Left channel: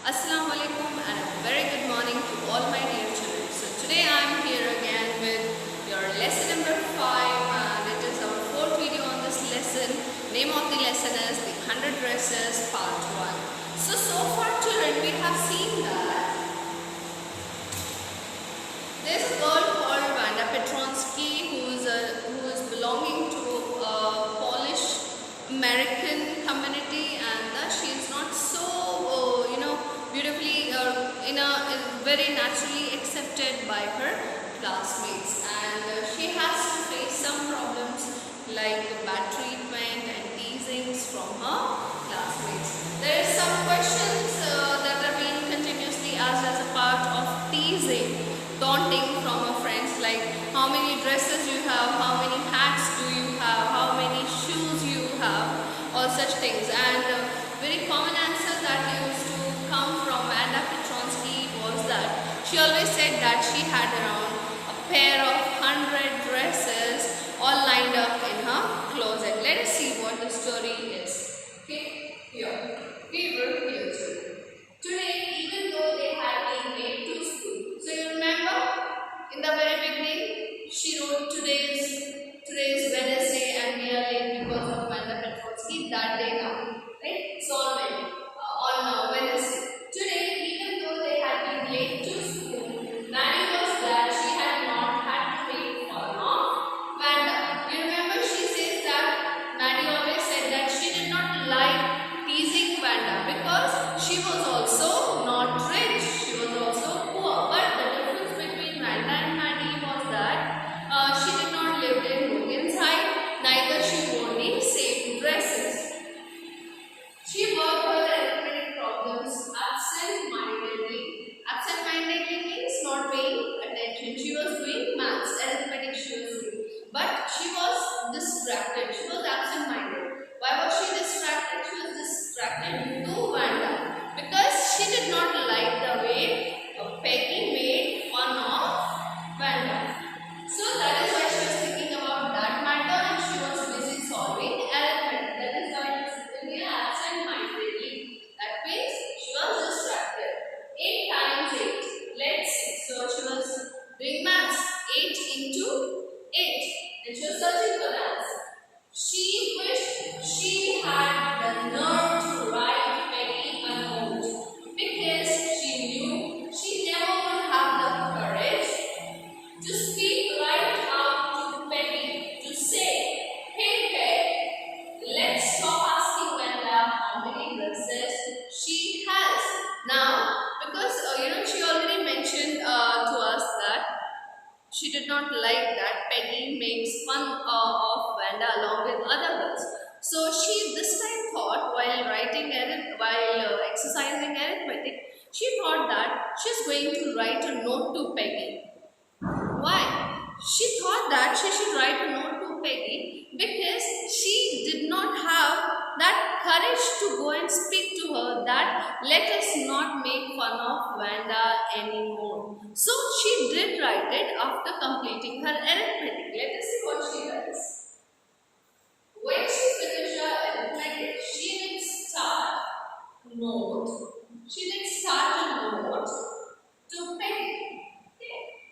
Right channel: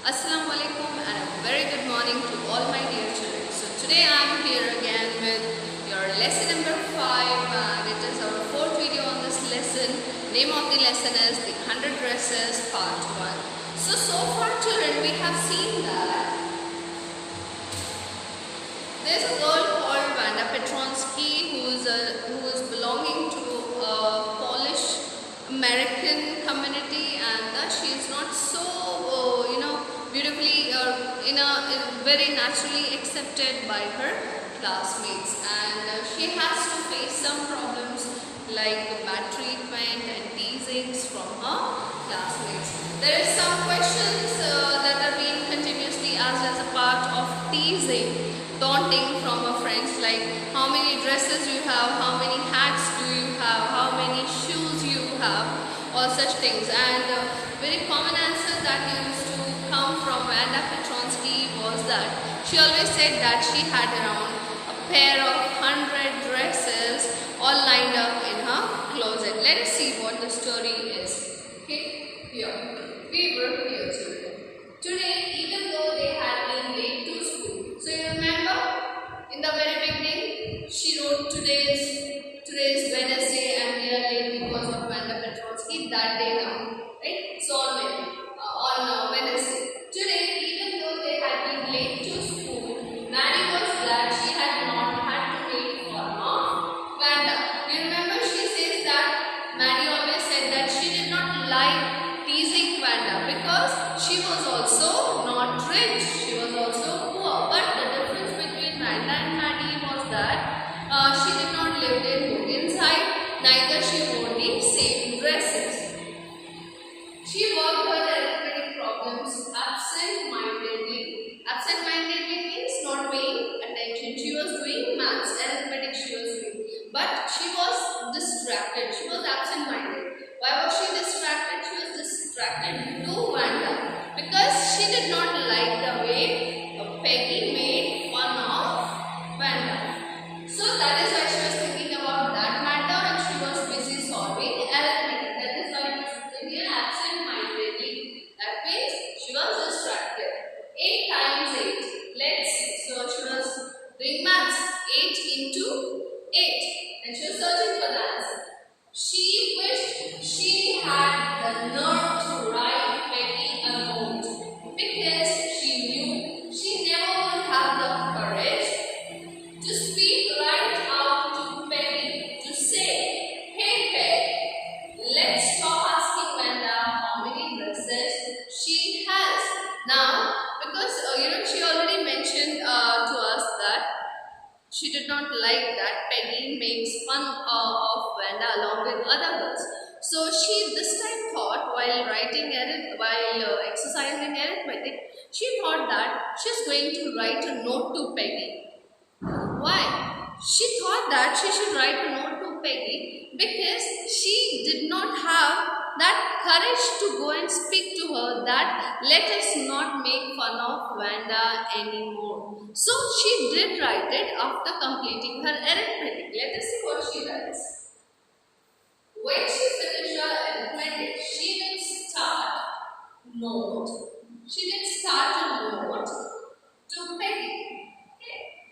Assalamu alaikum and a very good morning to all my dear children. So today I am here again with your lesson number 5 and it is our fourth video on this lesson. Name of the lesson is the 100 dresses part 1. So far children we have seen that there is a girl called Vanda Petronsky who is belonging to a Polish American community, and she is not so beautifully very naturally accepted by her classmates, and she has to face some problems like bad treatment and teasings from her classmates. There is some questions that are being continuously asked as a part of teasing, taunting from her friends, like how many dresses you have, how many hats do you have, how many shoes you have, all such things. And a very common answer that used to come from Vanda Petronsky was that she always said that she had around a pair of 100 dresses all lined up in her closet. Let us see what the story is. Okay, here we were here children. Today, even though they had been late to school, so you remember in the very beginning she wrote today's Wednesday and we are late because of Vanda Petronsky that day now, right? So on Wednesday. Today, even though they had been late to school, Maddie was glad she had not had to make fun of Vanda. You remember she says that Maddie always said that she did not like teasing Vanda because she was also not rich, she was also poor. But the difference between Vanda and Maddie was that she did not live in Hogan's neither she wore the same dresses. She worked her arithmetic problems absent-mindedly. Absent-mindedly means not paying attention. She was doing maths, arithmetic she was doing. But she was distracted. She was absent-minded. Why was she distracted? She was distracted to Vanda because she did not like the way Peggy made fun of Vanda. So that is why she was thinking about that matter and she was busy solving arithmetic. That is why it is written here absent-mindedly. That means she was distracted. 8 times 8. Let's see. So she was doing maths. 8 into 8. And she was searching for the answer. She wished she had the nerve to write Peggy a note because she knew she never would have the courage to speak right out to Peggy to say, "Hey Peg, let's stop asking Vanda how many dresses she has." Now, because she already mentioned to us that she did not like that Peggy makes fun of Vanda along with other girls. So she this time thought while exercising arithmetic, she thought that she's going to write a note to Peggy. Why? She thought that she should write a note to Peggy because she did not have that courage to go and speak to her that let us not make fun of Vanda anymore. So she did write it after completing her arithmetic. Let us see what she writes. When she finished her arithmetic, she did start note. She did start a note to Peggy.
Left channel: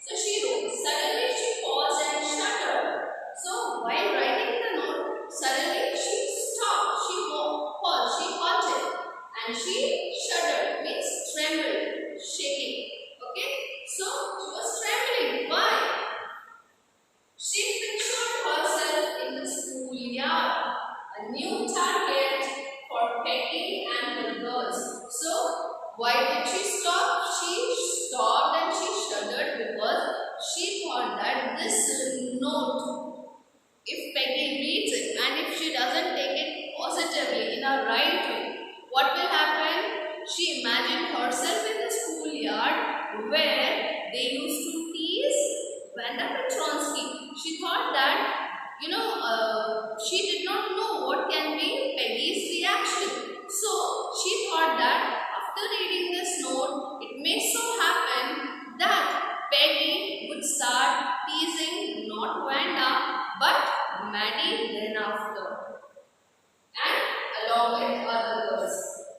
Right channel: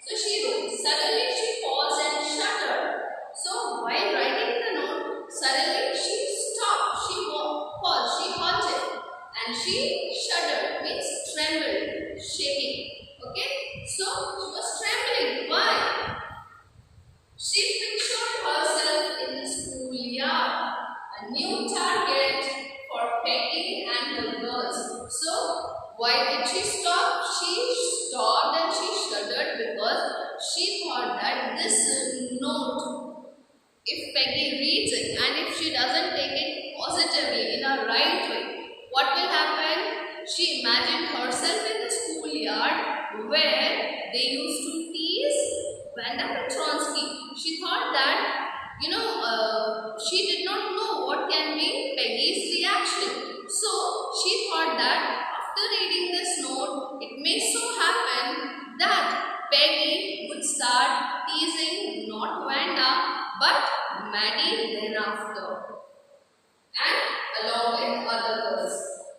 So she wrote, suddenly she paused and shuddered. So while writing the note, suddenly she stopped, she paused, she halted and she shuddered, means trembled, shaking. Okay, so she was trembling. Why? She pictured herself in the schoolyard, a new target for Peggy and the girls. So why did she stop? She stopped and she shuddered because she thought that this note, if Peggy reads it and if she doesn't take it positively in a right way, what will happen? She imagined herself in the schoolyard where they used to tease Vanda Petronsky. She thought that, she did not know what can be Peggy's reaction. So she thought that after reading this note, it may so happen that Peggy would start teasing not Vanda but Maddie then after, and along with other girls.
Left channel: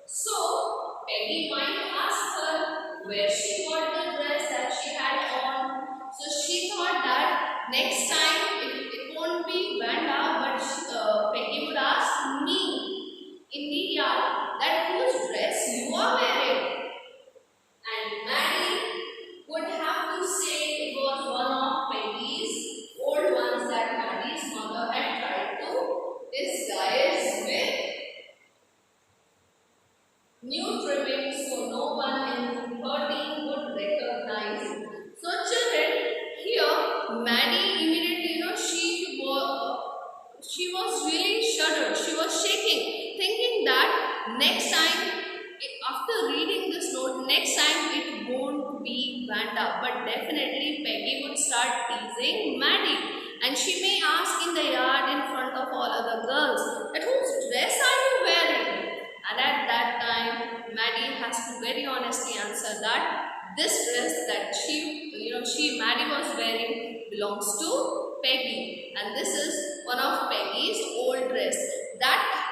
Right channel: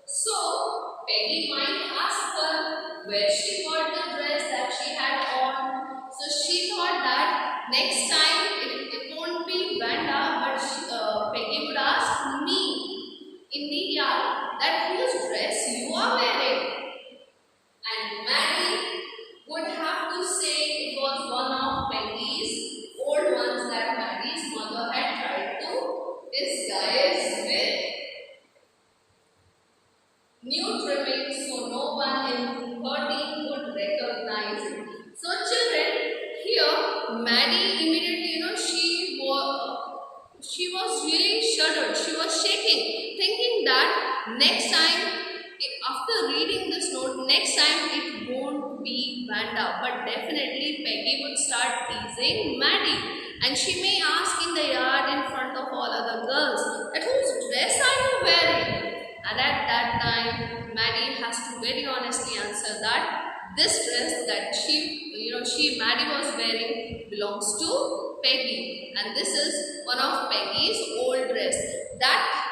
So Peggy Peggy might ask her where she got the dress that she had on. So she thought that next time it won't be Vanda, but Peggy would ask me in the yard that whose dress you are wearing. And Maddie would have to say it was one of Peggy's old ones that Maddie's mother had tried to disguise with new trimmings so no one in 13 would recognize it. So children, here Maddie immediately, she was really shuddered. She was shaking, thinking that next time, after reading this note, next time it won't be Vanda, but definitely Peggy would start teasing Maddie. And she may ask in the yard in front of all other girls that whose dress are you wearing? And at that time, Maddie has to very honestly answer that this dress that Maddie was wearing belongs to Peggy, and this is one of Peggy's old dress. That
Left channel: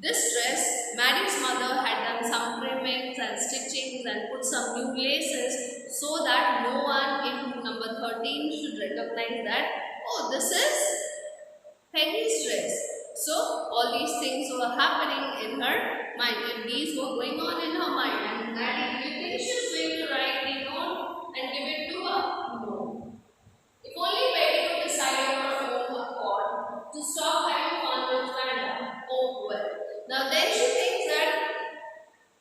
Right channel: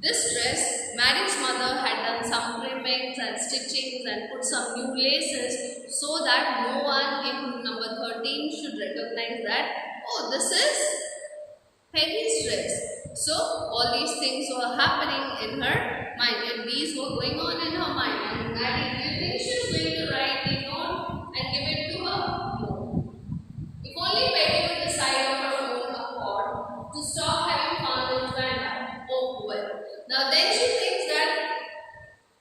this dress, Maddie's mother had done some trimmings and stitchings and put some new laces so that no one in room number 13 should recognize that, oh, this is Peggy's dress. So all these things were happening in her mind, and these were going on in her mind. And Maddie, do you think she's going to write the note and give it to her? No. If only Peggy would decide on her own accord to stop having fun with Vanda. Oh well. Now then she thinks that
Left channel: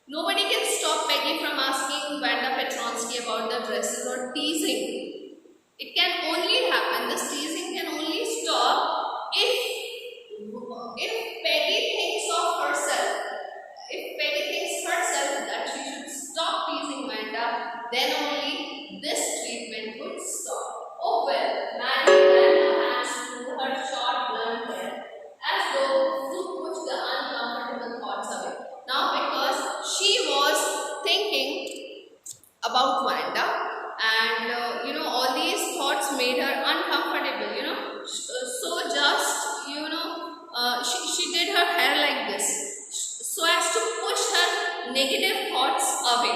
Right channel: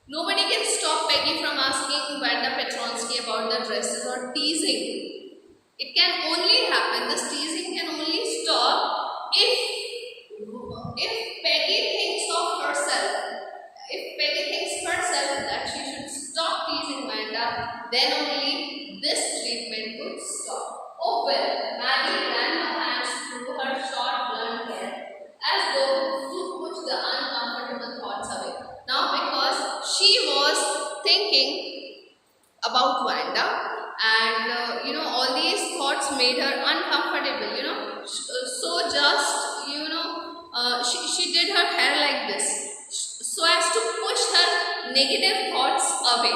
nobody can stop Peggy from asking Vanda Petronsky about the dresses or teasing. It can only happen, this teasing can only stop if Peggy thinks of herself. If Peggy thinks herself that she should stop teasing Vanda, then only this treatment would stop. Oh well, Maddie ran her hands through her short blonde hair as though to push the uncomfortable thoughts away. Now because she was thinking about Vanda, and all these thoughts made her uncomfortable, so just she did her hair like this so as to push her negative thoughts away,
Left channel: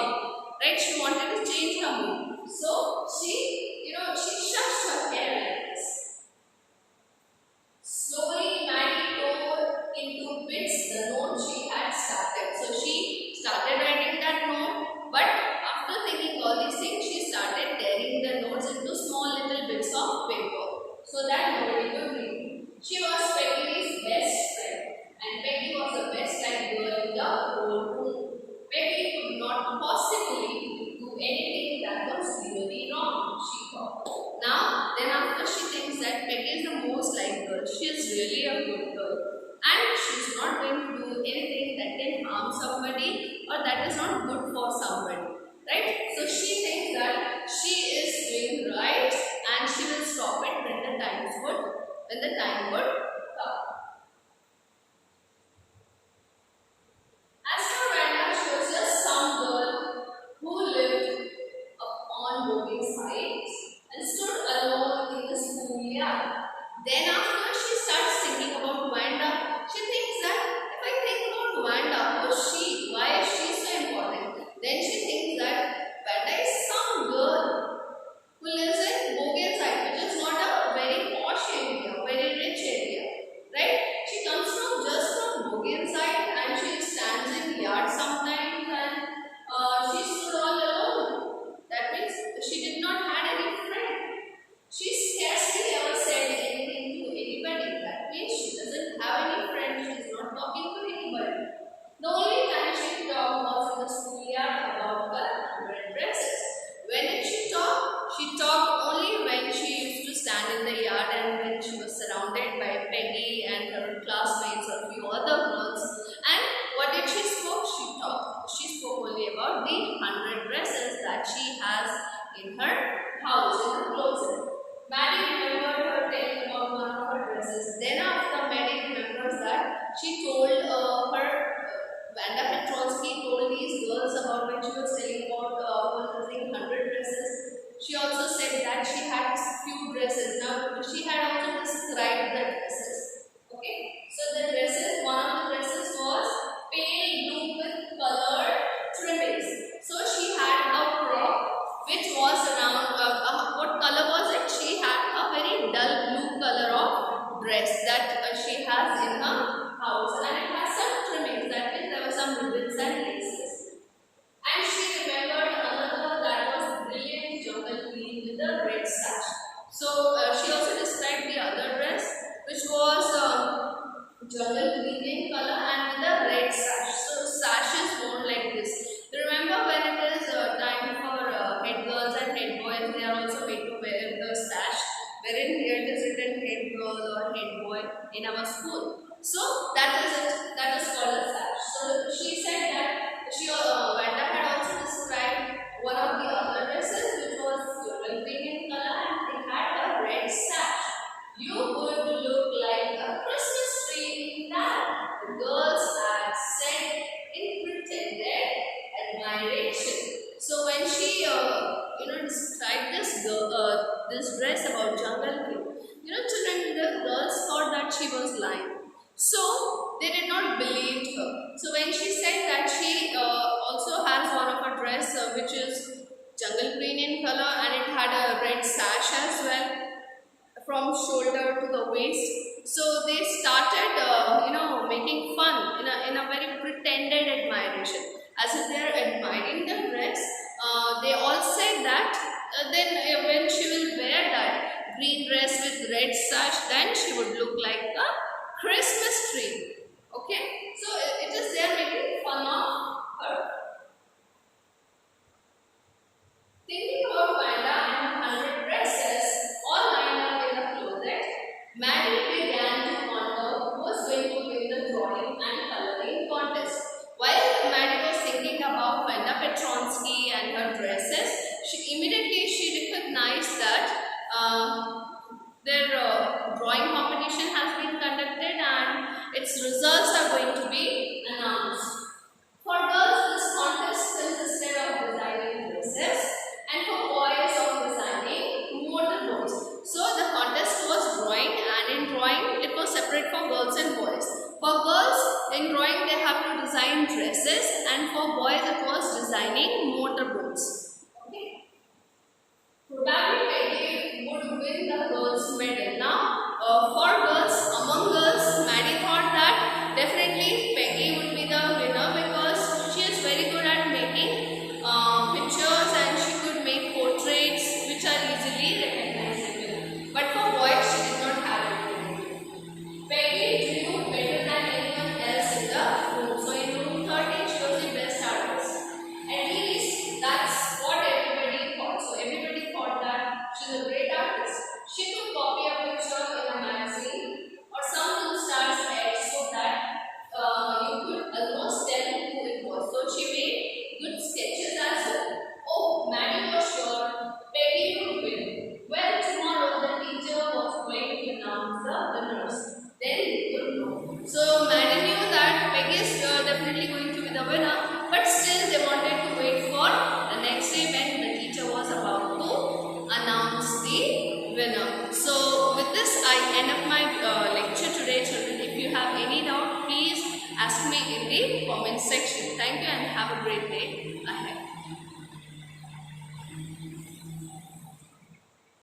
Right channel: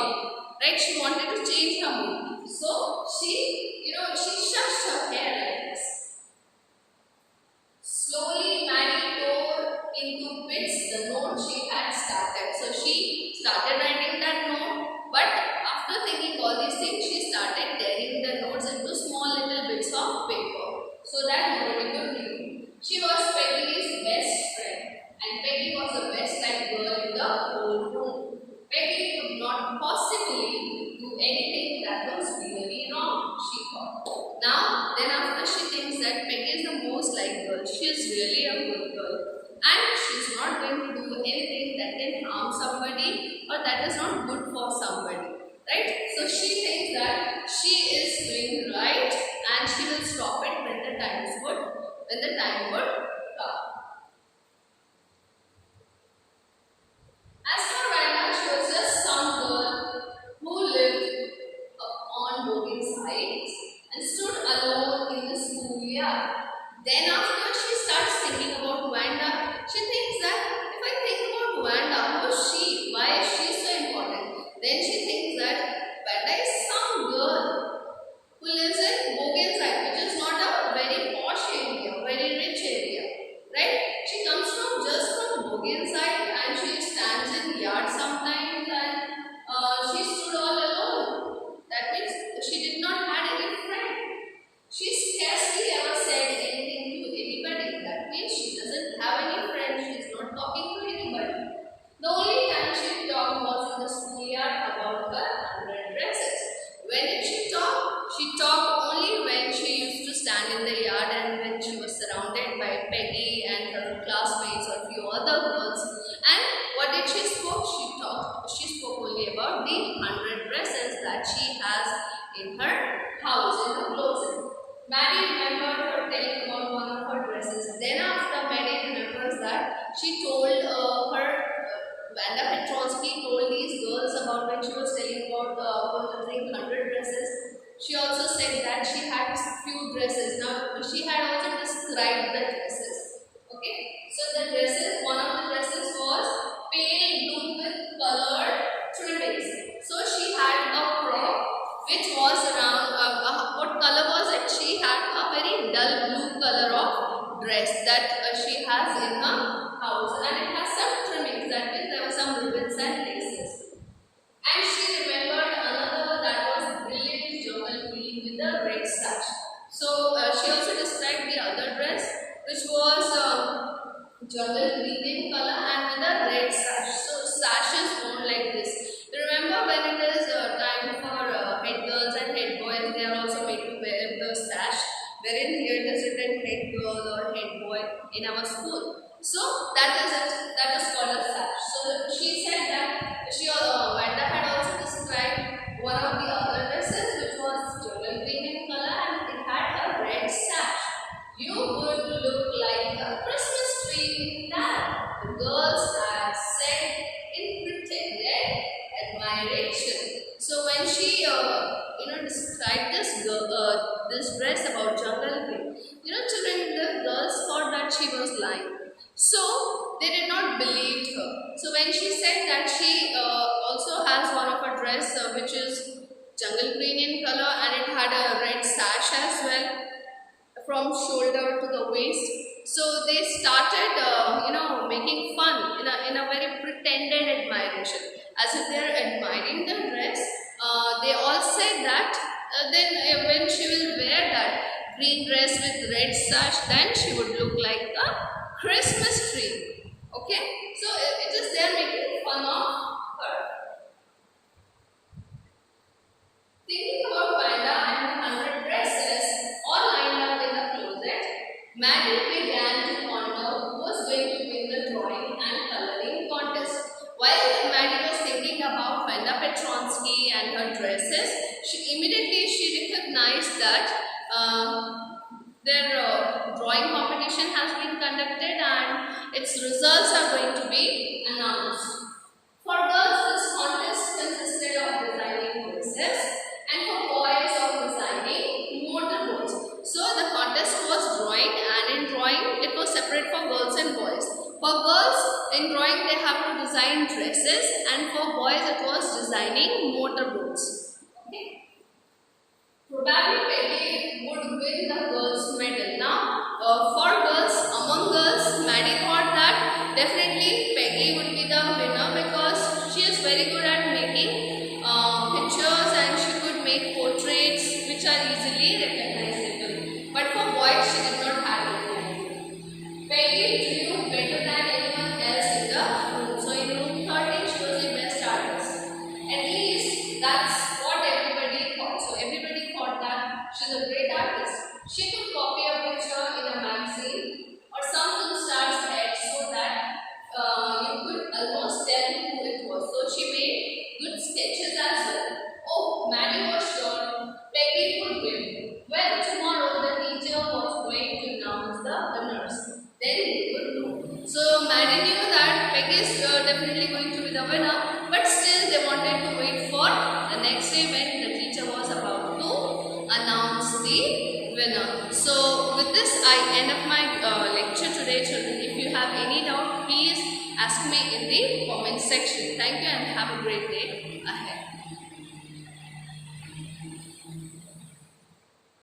right? She wanted to change her mood, so she shushed her hair like this. Slowly Maddie tore into bits the note she had started. So she started writing that note, but after thinking all these things, she started tearing the notes into small little bits of paper so that nobody could read. She was Peggy's best friend, and Peggy was the best liked girl in the whole room. Peggy could not possibly do anything that was really wrong, she thought. Now, then after she thinks that Peggy is the most liked girl, she is really a good girl, and she is not going to do anything that can harm somebody or that is not good for somebody, right? So she thinks that she is doing right and she will stop it when the time would come. As for Vanda, she was just some girl who lived on Bogey's side and stood alone in the schoolyard. Then after she starts thinking about Vanda, she thinks that if I think about Vanda, who is she? Why is she so important? Then she thinks that Vanda is some girl who lives in Bogey's side, which is not a very posh area, very rich area, right? She comes from just from Bogey's side and she stands in yard sometimes, and she stood all alone. That means she did not had any friend. She scarcely ever said anything to anybody. That means she doesn't have any friends. She is not talking to anybody. The only time she talked was in the schoolyard about her 100 dresses. When did she talk? She talked only when she used to stand in the yard and when she was surrounded by Peggy and her classmates or few other girls. And what did she spoke? She spoke only about the 100 dresses that she has in her house, in her closet. Maddie remembered her telling about one of her dresses. Then after Maddie remembers that she told Vanda Petronsky told these girls about when she was telling about using 100 dresses. She also said that she had few dresses. Now she had also described the dresses. Okay, so the dresses, one of the dresses was pale blue with colored So she also described the other dress, which was jungle green in color and with a red sash. So sash is worn like this. You remember when it is time for head girls and head boys, they are also made to wear the sash. Wherein here it is written head girl or head boy in our school. So that is it. That is called a sash. So she said that Vanda had also described one of the other dresses, which was jungle green in color and it had a red sash. You would look like a Christmas tree in that, the girls had said in pretended admiration. So when she described this dress about jungle green, children, the girls thought that she was lying. So they did not believe her. So when she said that she also has one of her dress which is jungle green in color and it had a red sash as well from shoulder to the waist. So they started, making fun in a very pretended admiration, as if they are admiring the dress. They all said that then when she will wear that green dress with red sash, then she would look like a Christmas tree. Okay, so it is they are making fun of her. Thinking about Vanda and her 100 dresses all lined up in the closet, Maddie began to ponder who was going to win the drawing and coloring contest. While Maddie was thinking about Vanda Petronsky and her dresses, she recognized that their drawing competition has been conducted and its results are going to be announced. For girls, this contest consisted of designing dresses and for boys of designing motorboats. So the contest was drawing, and in drawing it was separate for girls and boys. For girls, in drawing they have to design dresses, and for boys it was designing motorboats. Okay. Probably Peggy would win the girls' medal. Now, for girls, among girls, Maddie thought that definitely Peggy would be the winner because she is very good at making pictures and she could make portraits which are easily recognizable. But for boys, she did not have it. Peggy drew better than anyone else in the room. So in room 13, she was the best artist. At least that's what everybody thought. So everybody thought that she's a great artist. She could copy a picture in a magazine or some film star's head so that you could almost tell who it was. So she made good sketches as well. Oh, Maddie was sure Peggy would win. Well, tomorrow the teacher was going to announce the winners. Then we would know. So Maddie knew that Peggy is definitely going to be the winner, but still they wanted to wait for the next day when the teacher was about to announce the winner. So with this I end up my lecture today, children. If you have any doubt, please ask me in the comment section. Thank you and have a great day ahead.